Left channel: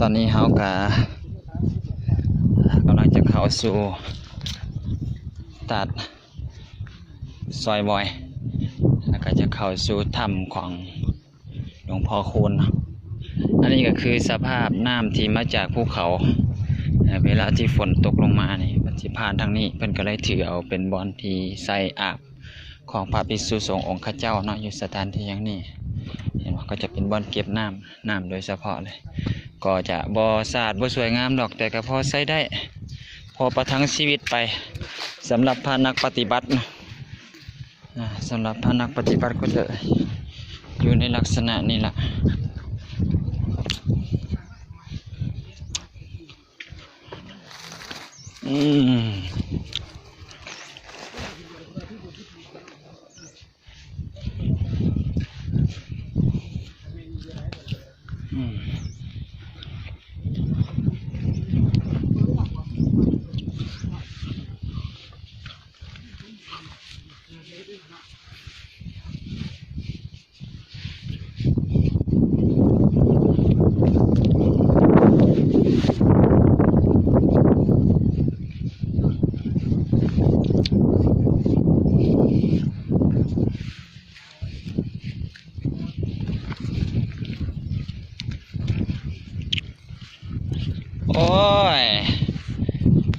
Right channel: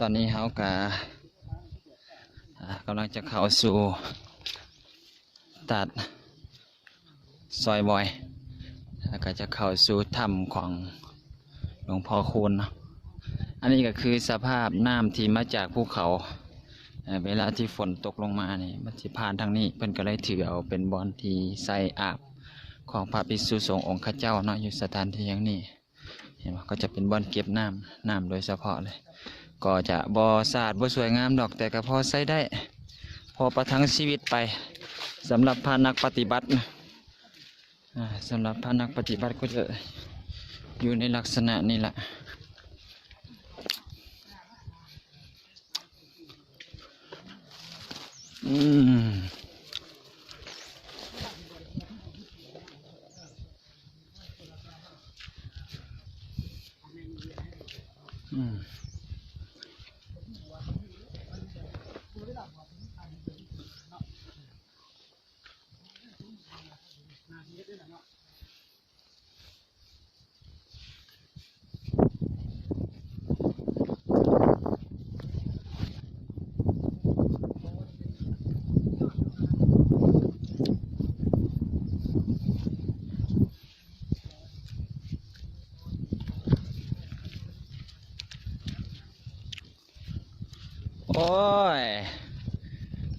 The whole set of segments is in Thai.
ตอนนี้เฮากะกำลังจะเข้าสู่ตัดซอยบอยแล้วก็จะเข้าสู่ถ้ำของหลวงพ่อคูณอันนี้ก็คือสภาพน้ำที่มาจากภูเขาเวลาที่ฝนตกลงมานี่มันสิผ่านทางนี้เพิ่นก็เลยถือเอาเป็นบอนที่ใส่อาบของพระภิกษุสงฆ์องค์ข้าเจ้าเนาะอยู่สถานที่อย่างนี้เห็นว่าก็จะเป็นบ่อนเก็บน้ำโดยเฉพาะเลยก็จะบ่สะอาดบ่สวยงามดอกแต่ก็พอใช้ได้พอประทังชีวิตไปสำหรับพระนักปฏิบัตินะสำหรับพระนักปฏิบัติก็จะอยู่ในลักษณะนี้แหละอืมโอ้ย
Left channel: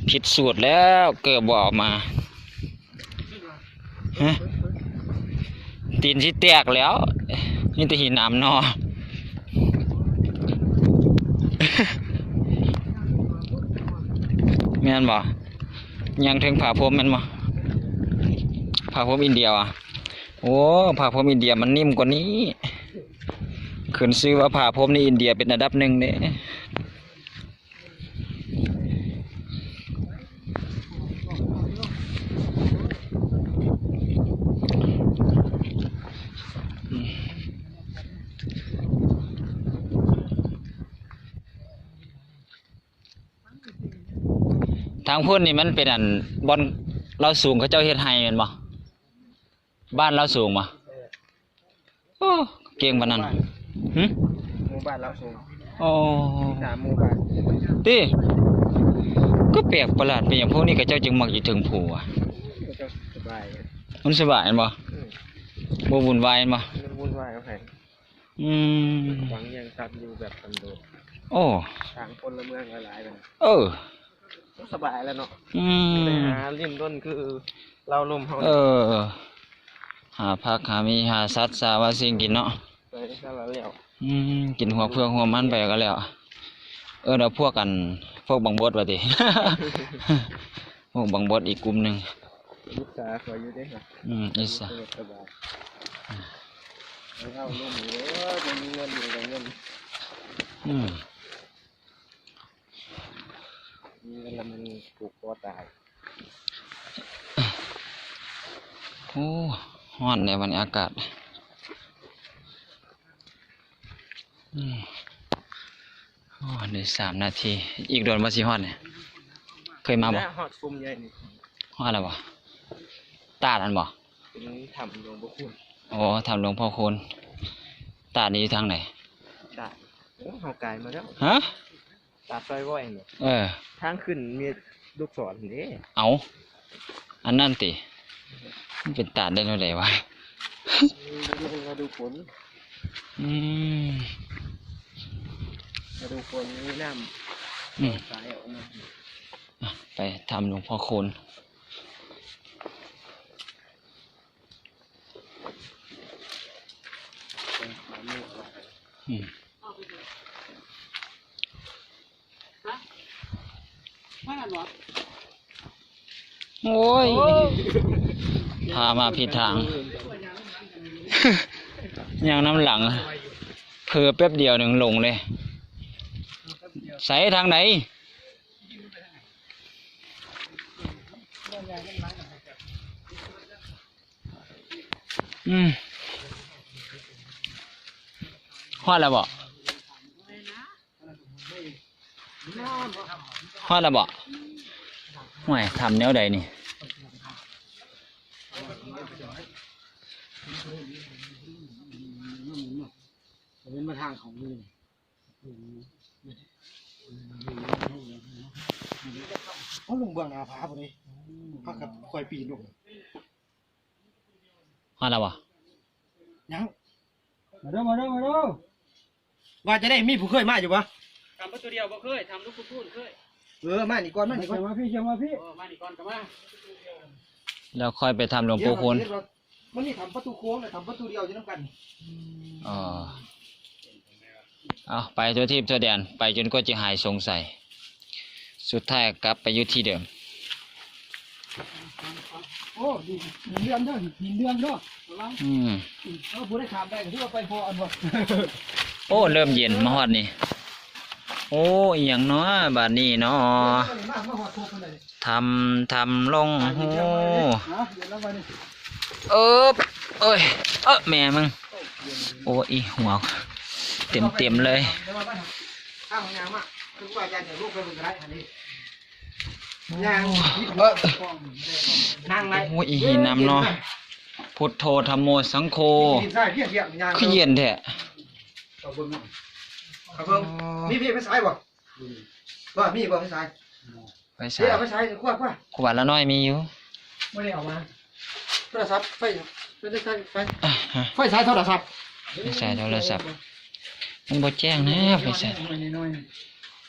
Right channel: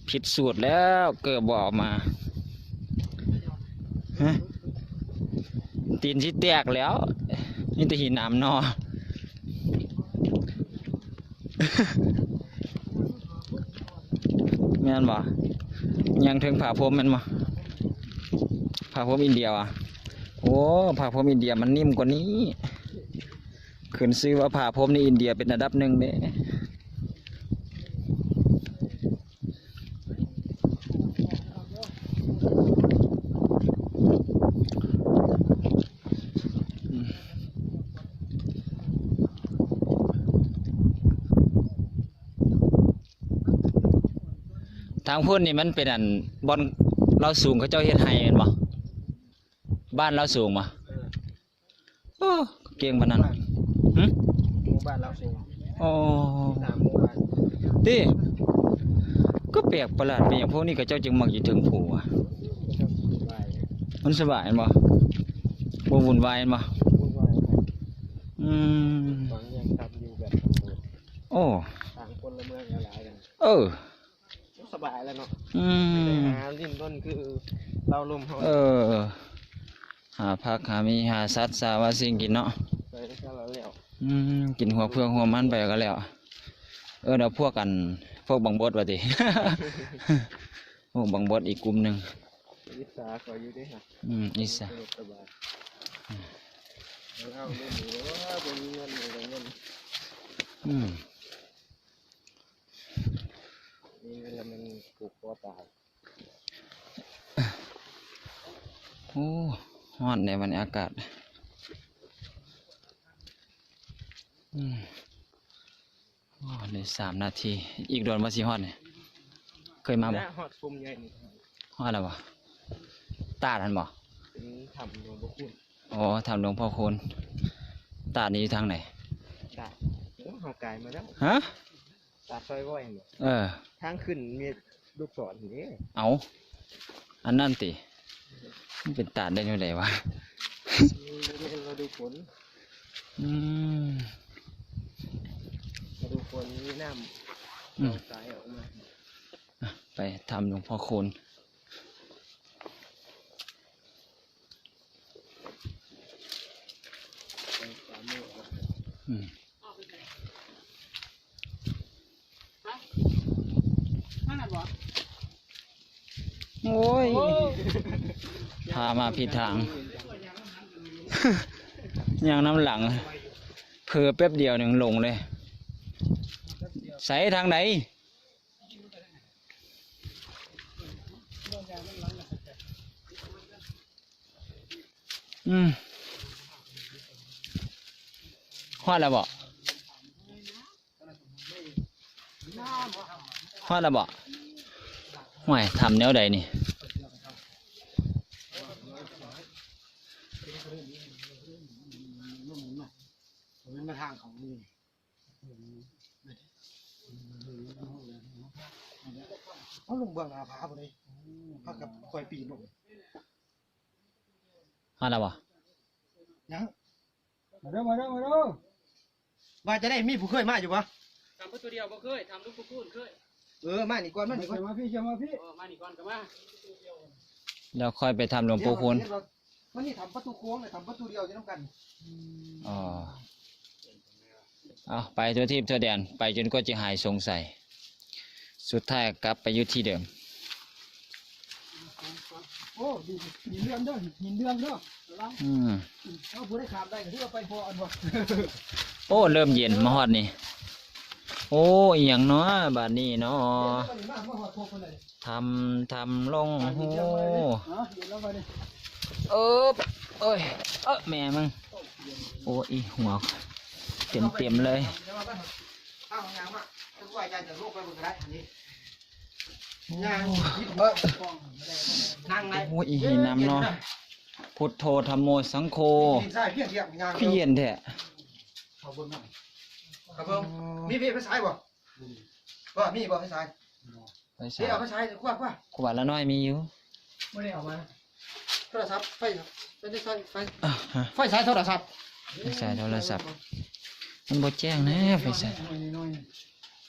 ผิดสูตรแล้วเกือบบอกมาตีนที่แตกแล้วนี่แต่หินน้ำนอแม่นบ่ยังถึงผ่าพรมแม่นบ่ผ่าพรมอินเดียอ่ะโอ้ผ่าพรมอินเดียมันนิ่มกว่านี้ขึ้นชื่อว่าผ่าพรมในอินเดียเป็นอันดับหนึ่งเด้ทางพุ่นนี่มันเป็นอันบอนเราสูงเขาเจ้าเฮ็ดให้แม่นบ่บ้านเราสูงบ่เก่งปานนั้นหึหมู่บ้านเราสูงโอ้3หมู่บ้านติก็แปลกประหลาดเป็นอย่างพวกนี้เขาเจ้าจึงมักอยู่ถึงผู้อ่ะสบายมันสบายแม่นบ่บ่วุ่นวายแม่นบ่วุ่นวายกับไผหวังยังตัดอยู่แบบสันโดษโอ้ทางพลเมืองหลายๆสบายแล้วเนาะไปหาริมต้นคือเราลมเฮาหาผักหามีหาสัตว์สาวาสิ่งกินเนาะไปก็แล้วกินหัวเพื่องหัวมันไปก็แล้วเดี๋ยวพวกบังบดว่าติพวกบังบดอีกกลุ่มนึงอิสาขออยู่เด้ค่ะอิสาสบายเอาลมอยู่จะมีเงินอยู่กับเงินมีเงินแล้วมันปลูกคอตายโอ้ฮ้อนในวันอากาศใน3 นาทีอีกโดนมาสิฮอดเนี่ยเคยมาบ่ฮอดฟุ่มใหญ่นี่ฮอดแล้วบ่ตาดอันบ่เป็นถ้ำหลวงพ่อคูณโอ้ถ้ำหลวงพ่อคูณตาดนี้ทางไหนตาดโอ้เฮาไกลมาแล้วฮะตาดซอยบ่อยนี่ทางขึ้นมีลูกศรนี่เอาอันนั้นติมันเป็นตาดได้เท่าใดวะมาดูฝนมาดูฝนมีน้ำสายออกมาไปทำหลวงพ่อคูณโอ้ยพามาผิดทางยังน้ำหลังเผือแป๊บเดียวหนึ่งลงเลยใส่ทางไหนฮอดแล้วบ่ฮอดแล้วบ่ห่วยทำแนวใดนี่ เป็นมาทางของมือ เอาลงเบื้องหน้าผาบ่ได้พักกับคอยปีนลง ฮอดแล้วบ่ ยังมาเด้อว่าจะได้มีผู้เคยมาอยู่ปะ ทำประตูเดียวบ่เคยทำลูกพูนเคย มานี่ก่อนมานี่ก่อนมาพี่เชียมาพี่ มานี่ก่อนก็มา แล้วค่อยไปทำหลวงปู่คูณ มันนี่ทำประตูโค้งเลยทำประตูเดียวจะน้ำกัน อ๋อเอาไปตัวทีบตัวแดนไปจนกว่าจะหายสงสัย สุดท้ายกลับไปอยู่ที่เดิม โอ้ดีหินเลื่อมเด้อหินเลื่อมเด้อระวัง ถ้าผู้ได้ขามได้ก็ถือว่าไปพออันบ่ โอ้เริ่มเย็นมาฮอดนี่ โอ้อหย่างเนาะบาดนี้เนาะทำลงโหเอ้ยแม่มึงโอ้อีหัวเต็มเลย ข้างงามอ่ะคือว่าจะลูกไปมึงก็ได้อันนี้นั่งไร โอ้อีหินน้ำเนาะพุทโธธัมโมสังโฆคือเย็นแท้ ครับเพิ่มมีพี่ไปสายบ่มีบ่ไปสาย ไปใส่ เดี๋ยวเอาไปสายคว้า ขวดละน้อยมีอยู่ ไม่ได้เอามาโทรศัพท์ไฟสายโทรศัพท์ ไปใส่โทรศัพท์มันบ่แจ้งนะไปใส่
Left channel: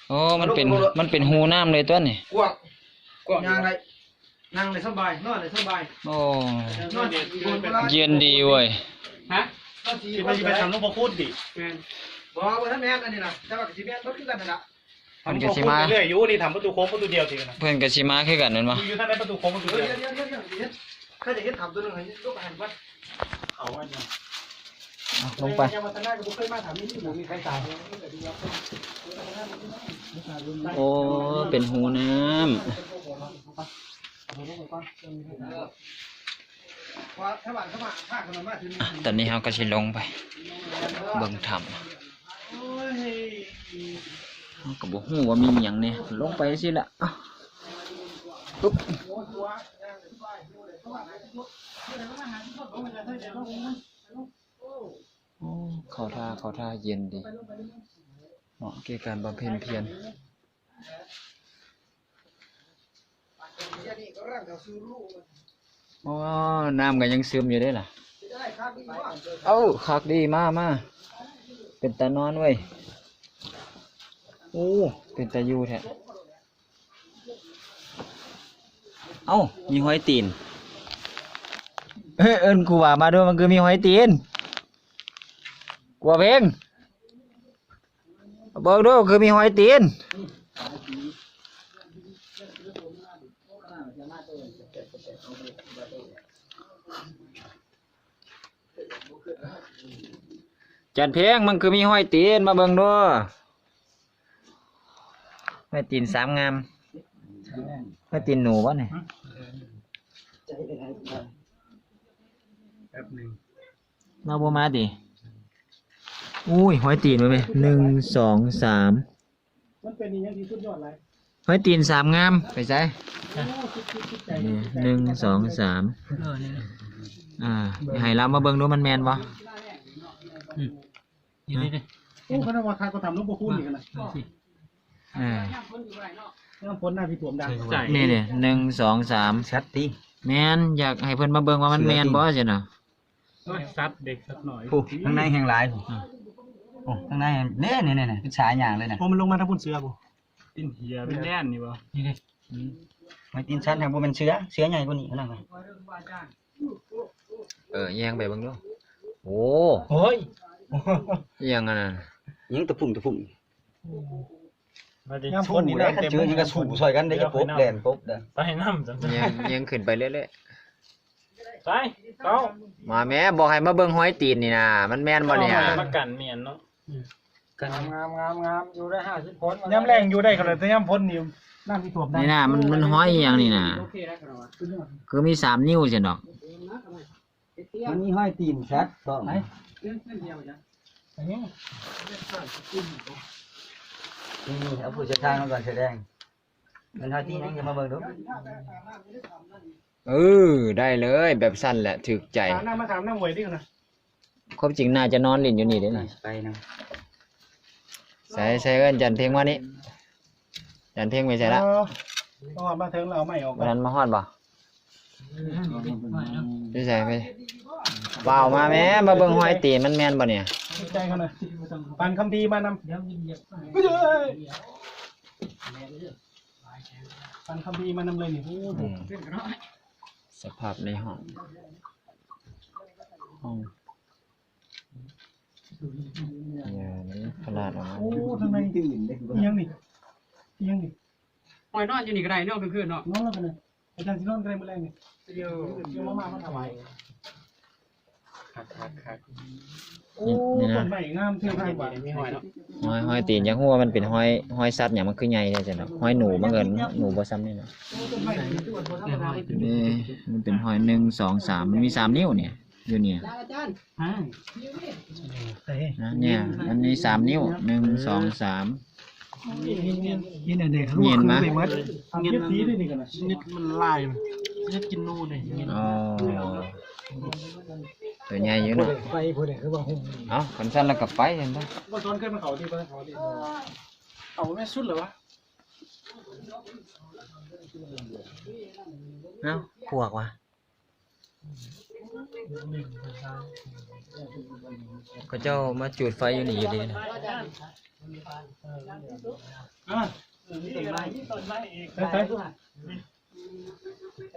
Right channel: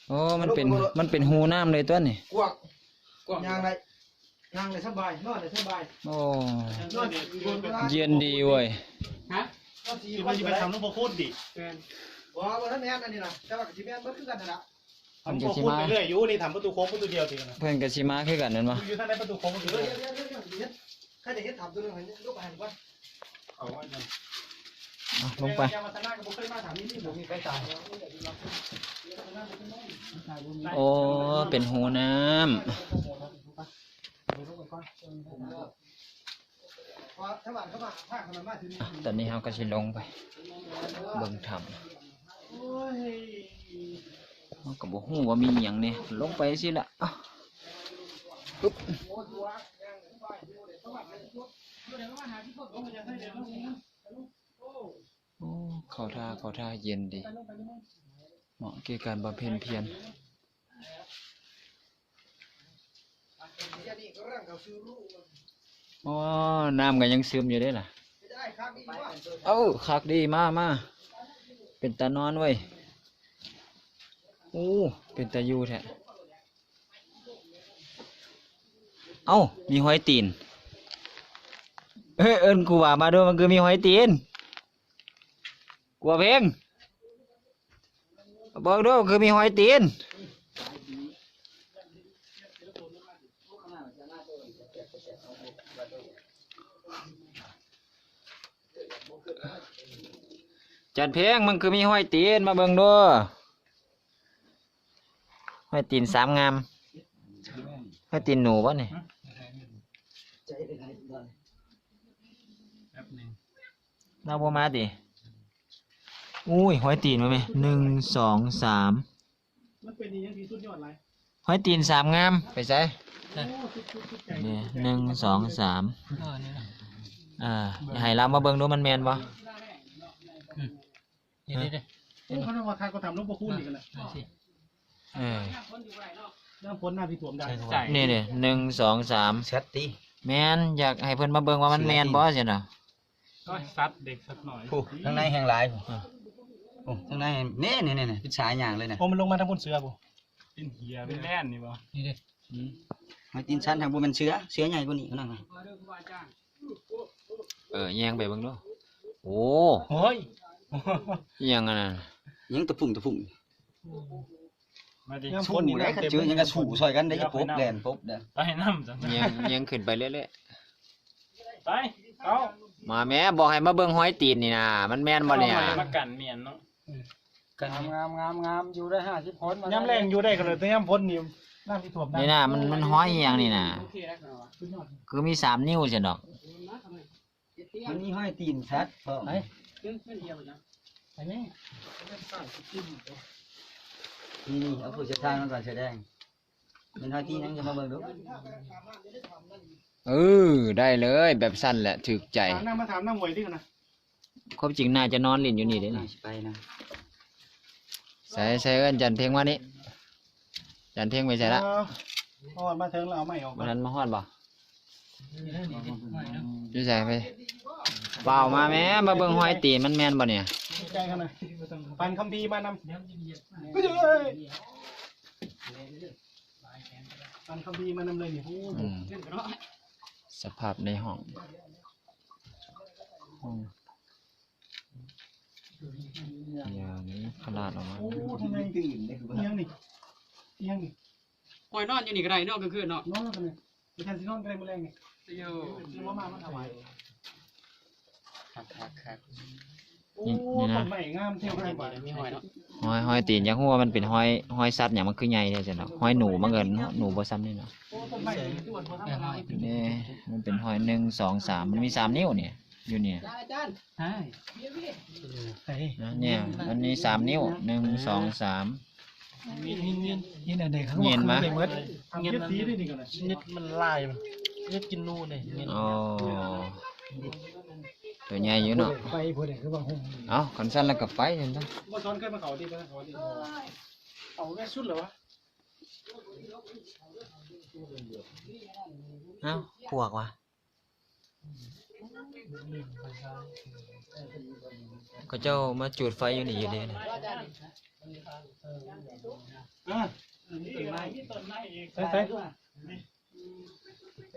โอ้มันเป็นหูน้ำเลยตัวนี่ กวางนั่งเลยสบายนอนเลยสบาย โอ้ นอน เย็นดีเว้ย ฮะ นอนจี ไปไปทำลูกพูนดิแม่น บอกว่าท่านแม่อันนี้นะแต่ว่าจีแม่ก็คือกันนั่นแหละ เพิ่นก็สิมา เรื่อยอยู่นี่ทำประตูโค้งประตูเดียวทีนะ เพิ่นก็สิมาคือกันนั่นบ่ อยู่ท่านได้ประตูโค้งประตูเดียว เดี๋ยวใครจะเห็นทำตัวนึงเห็นลูกหันว่า เขาว่าเนี่ย ลงไป ยังมาตนาก็เคยมาถามนี่ผมมีใครตาย โอ้เป็นหูน้ำ ว่าถ้าบ้านเขามาถ้าคนมาถึง ตอนนี้เราก็สิลงไปเบิ่งถ้ำเราก็บ่ฮู้ว่ามีหยังเนี่ยลงไปสิล่ะอ้าวปึ๊บโอ้เข้าท่าเย็นดีเหมาะแก่การบำเพ็ญเพียรอ๋อน้ำก็ยังซึมอยู่ได้ล่ะเอ้าคักดีมาเป็นตานอนเว้ยโอ้เป็นตาอยู่แท้เอ้ามีหอยตีนเอิ้นกูว่ามาด้วยมันคือมีหอยตีนกลัวเพลงบอกด้วยคือมีหอยตีนจัดเพลงมันคือมีหอยตีนมาเบิ่งด้วยหอยตีน3 งามหอยตีนหนูวะเนี่ยเราบ่มาดิอุ้ยหอยตีนมาไหม1 2 3มันเป็นอย่างที่สุดยอดเลย หอยตีน3 งามไปใส่นี่1 2 3อย่าให้เรามาเบิ่งดูมันแมนบ่นี่โอ้เขาทำมาทานก็ทำลูกบอคูนอีกนะน้ำพ้นหน้าพี่ถ่วมดังนี่1 2 3ชัดตี แมนอยากให้เพิ่นมาเบิ่งว่ามันแมนบ่สิน่ะ ซัดเด็กสักหน่อย ผู้ข้างในแห่งหลายผู้โอ้ข้างในเนี่ยเป็นสายอย่างเลยนะโอ้มันลงมาทางบนเสือผู้ เป็นเหียเป็นแน่นนี่บ่ นี่ดิไม่ตีนชั้นทางบนเป็นเสือใหญ่กว่านี้นั่นไง แยงไปเบิ่งดูโอ้ เฮ้ย ยังอันนั้น ยังตะปุ่ง มาดิ สู้นี่นะเจอยังกระสู้ซอยกันได้จะปุ๊บแลนปุ๊บเด้อ ไปน้ำจัง ยังขึ้นไปเรื่อย ไปเต้า ๆมาแม่บอกให้มาเบิ่งหอยตีนนี่นะมันแม่นบ่เนี่ย มากันเมียนเนาะ กันงามอยู่ได้50 คนย่ำแรงอยู่ได้ก็เลยแต่ย่ำพ้นนี่น้ำที่ถ่วมได้ นี่นะมันหอยอีหยังนี่นะคือมี3 นิ้วจังดอก อันนี้ห้อยตีนชัดก็ไหนนี่เอาผู้เชี่ยวชาญมาก่อนแสดงมันห้อยตีนนั่งจะมาเบิ่งดู ได้เลยแบบสั้นแหละถูกใจ ถามมาถามนั่งหวยดิกันนะ ความจริงน่าจะนอนเล่นอยู่นี่เด้อ ไปนะ ใส่เอิ้นจันเพียงมานี่จันเพียงไปใส่ละ ตอนมาถึงเราไม่ออก วันนั้นมาฮอดบ่พี่ใส่ไปเปล่ามาแม่มาเบิ่งหอยตีนมันแม่นบ่เนี่ย ใจกันนะปันคำพีมานำก็อยู่เลยปันคำพีมานำเลยนี่ อืมสภาพในห้องอย่างนี้ขนาดออกมา โอ้ทำไมตื่นได้คือยังนี่ยังนี่ หอยนอนอยู่นี่ก็ได้นอนกลางคืนเนาะ นอนแล้วกันเลยอาจารย์สินอนกันเลยเมื่อไรนี่ เดี๋ยว ยังมาทำไม คัก โอ้ต้นไม้งามเท่มาก มีหอยเนาะ หอยตีนอยังฮู้ว่ามันเป็นหอยสัตว์หยังมันคือใหญ่แท้จังเนาะหอยหนูมันเอิ้นหนูบ่ซ้ำนี่เนาะ โอ้ต้นไม้ตัวธรรมดา นี่มันเป็นหอย1 2 3มันมี3นิ้วเนี่ยอยู่เนี่ย ใช่ นะเนี่ยมันมี3นิ้ว1 2 3 ยินอะไรเขาบอกคือเลยมัดทำเก็บสีด้วยนี่กันนะ นิดมันลายนิดกินนู่นนี่ อ๋อตัวใหญ่อยู่เนาะ ไฟผู้ใดคือว่าหุ่ม เอ้าคันสั้นแล้วก็ไปเห็นบ่ ว่าตอนเคยมาเขาที่ไปเขาที่เอาแม่สุดเหรอวะ เอ้าพวกว่ะก็เจ้ามาจุดไฟอยู่นี่อยู่ดีนะ ใช่ใช่อัน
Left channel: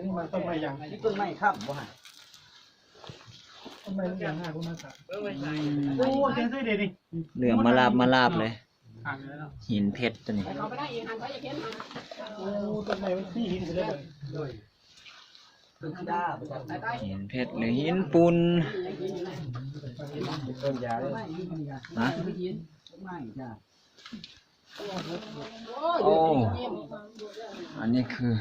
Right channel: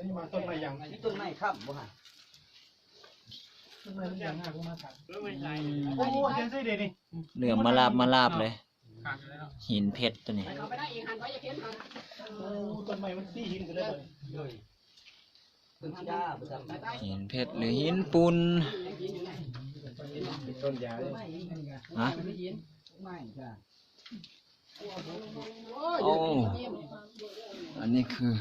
นี้มันต้นไม้ยัง ต้นไม้ครับบ่ฮะ ต้นไม้ลูกยางห้าคุณมาถามโอ้แกใส่เด็ดดิ เหลืองมาลาบเลย หินเพชรตัวนี้ โอ้ต้นไม้มันสี่หินเลย ต้นจ้าบ่ซั่น หินเพชรหรือหินปูน ต้นยาเลย ฮะ ไม่จ้า โอ้อันนี้คือ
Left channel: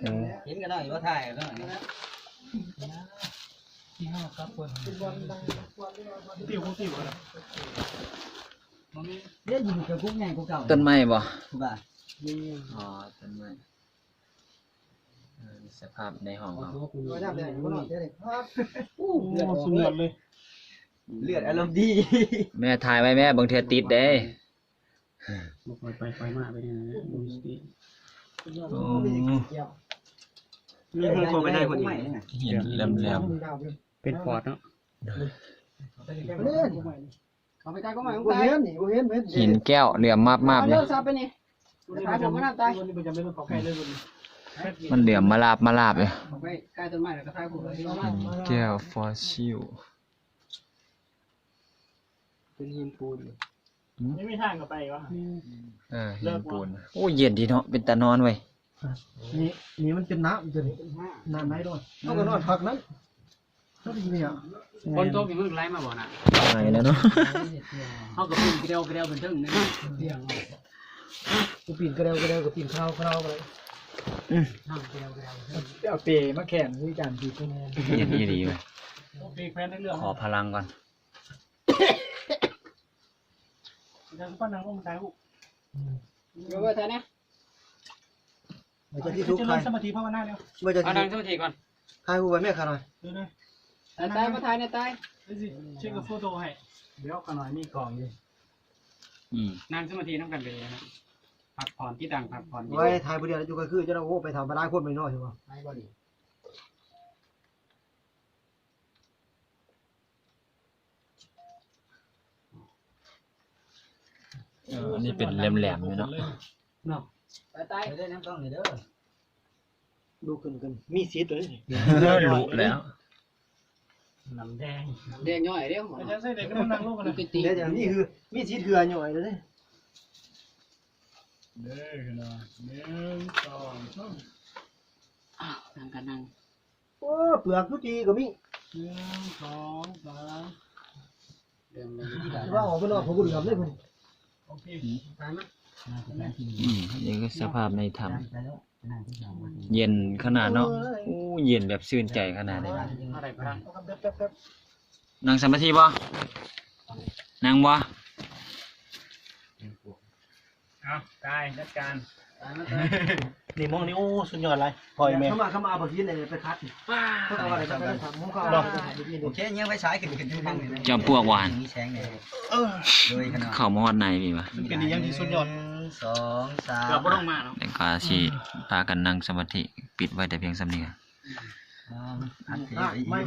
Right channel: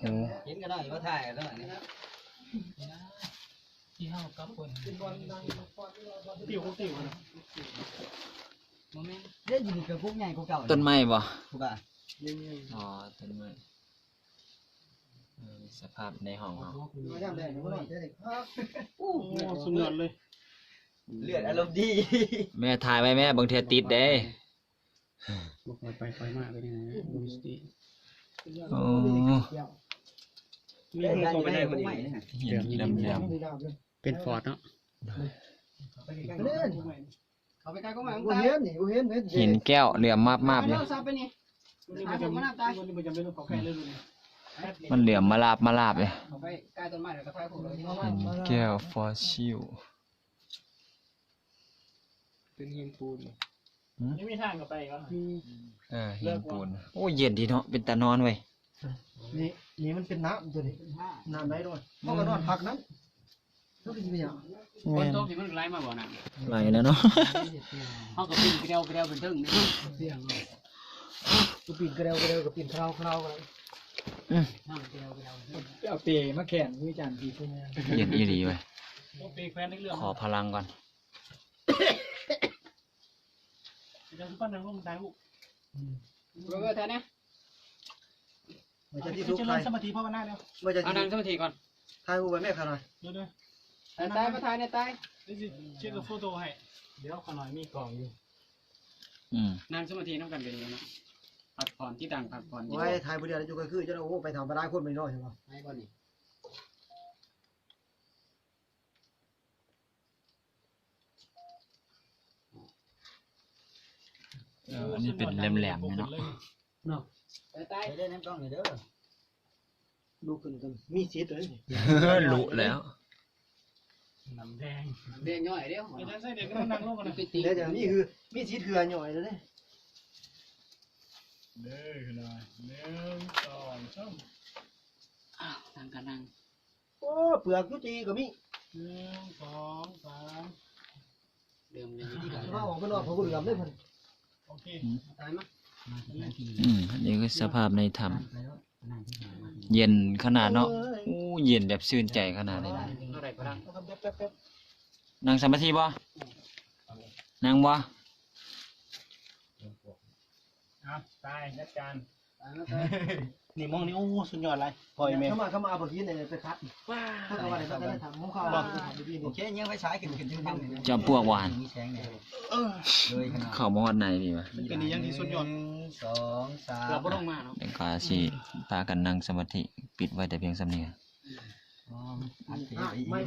หู เห็นกันหน่อยว่าถ่ายกันหน่อยนี่ ติ๋วของติ๋วนะ เล่นอยู่กับกุ๊กใหญ่กุ๊กเก่า ต้นไม้บ่ กุ๊กอ่ะ อ๋อต้นไม้สภาพในห้องเรา ก็ย่ำได้บ่นอนได้ครับ โอ้สุดยอดเลย เลือดอารมณ์ดี แม่ถ่ายไว้แม่บางเทีติดเด้ ไปมาไปยังดูสติ โอ้ เรื่องก็ไปได้พอดี หินแหลม เป็นฟอร์ดเนาะ เล่น เอาไปไกลก็หมายของ บ่ ไกล เห็นนี่บ่เห็น ๆหินแก้วเหลี่ยมมาบๆเลย เลิกซับไปนี่ นี่มันจะไม่ได้นี่มันจะไม่ต้องขอแค่เรื่องนี้ มันเหลี่ยมมาลาบเลย เอาไปใกล้ต้นไม้แล้วก็ท้ายผมเลย หินแก้วฟอสซิล เป็นหินปูน นี่ไม่ทางกับไปวะ หินปูนโอ้เย็นดีเนาะเป็นตานอนเว้ย นี่มันเป็นน้ำตัวนี้น้ำไหลด้วยเฮาก็นอนพักนั้นก็ดีเนี่ย คนโตกี่มันไหลมาบ่น่ะ ไปแล้วเนาะ เฮาก็ปีนกระเดวเป็นทึ่งนี่เสียง กูปีนกระเดวกับปีนคราวกันเลย นั่งกระเดว เอาเปย์มาแข่งด้วยกันดีตัวนี้ เย็นดีเว้ย เปย์แฟนได้เรื่อง ขอพลังก่อน ยังป้านังก็มันตายหู เว้ยเธอเนี่ย มันจะที่ทุก จะ ข์ เริ่ ใคร มสมาธิภาวนาแล้ว มันจะ เอานั่งสมาธิก่อน ทายหูไปแม่ขาหน่อย เดี๋ยวเลย ตายมาทายเนี่ยตาย เดี๋ยวสิเช็คกับโฟโต้ให้เดี๋ยวขน่อยมีกล่องอยู่ นั่งสมาธิน้ำกันเป็นเลยนะพักผ่อนที่ต่างพักผ่อนที่ ไว้ทายผู้เดียวอยู่ก็คือจะเอาโอ้ไปทำไปได้คนไม่น้อยใช่ป่ะ ไม่บ่นี่ อันนี้เป็นแหลมๆเลยเนาะ เนาะไปตาย ไปได้น้ำกล้องนี่เด้อดูกันมีซีดเลย รู้แล้ว น้ำแดง เด็กย่อยเดียว อาจารย์ใส่เด็กก็มันนั่งลงกันนะ ติดติ เดี๋ยวอย่างนี้คือมีซีดเถื่อนหน่อยเลย เด้อขนาด1 2 3 อ้าวนั่งกันนั่ง โอ้เปลือกทุจีก็มี 1 2 3 เดิมเลยที่กัน ว่าออกไปนอกผมก็เหลือมเลยมัน โอเค ตายมั้ย นี่คือสภาพในถ้ำเย็นขนาดเนาะอู้เย็นแบบชื่นใจขนาดนี้นะ อะไรพลัง แป๊บ นั่งสมาธิบ่นั่งบ่ เอากายจัดการ อ นี่มองนี่โอ้สุดยอดเลยปล่อยแม่ เข้ามาเอาไปกินเลยไปคัดเขาเอาอะไรไปทำผมเขาเอาไปกิน โอเคยังไม่ใช้ขึ้นอยู่ทางนี้ จอมปลวกหวาน มีแสงเนี่ยโดยขนาด เข้ามาฮอดในมีปะ เป็นอย่างที่สุดยอด 2 3 เกือบบ่ต้องมาเนาะ แต่ก็สิพากันนั่งสมาธิปิดไว้แต่เพียงสำเนียง อันที่ ไม่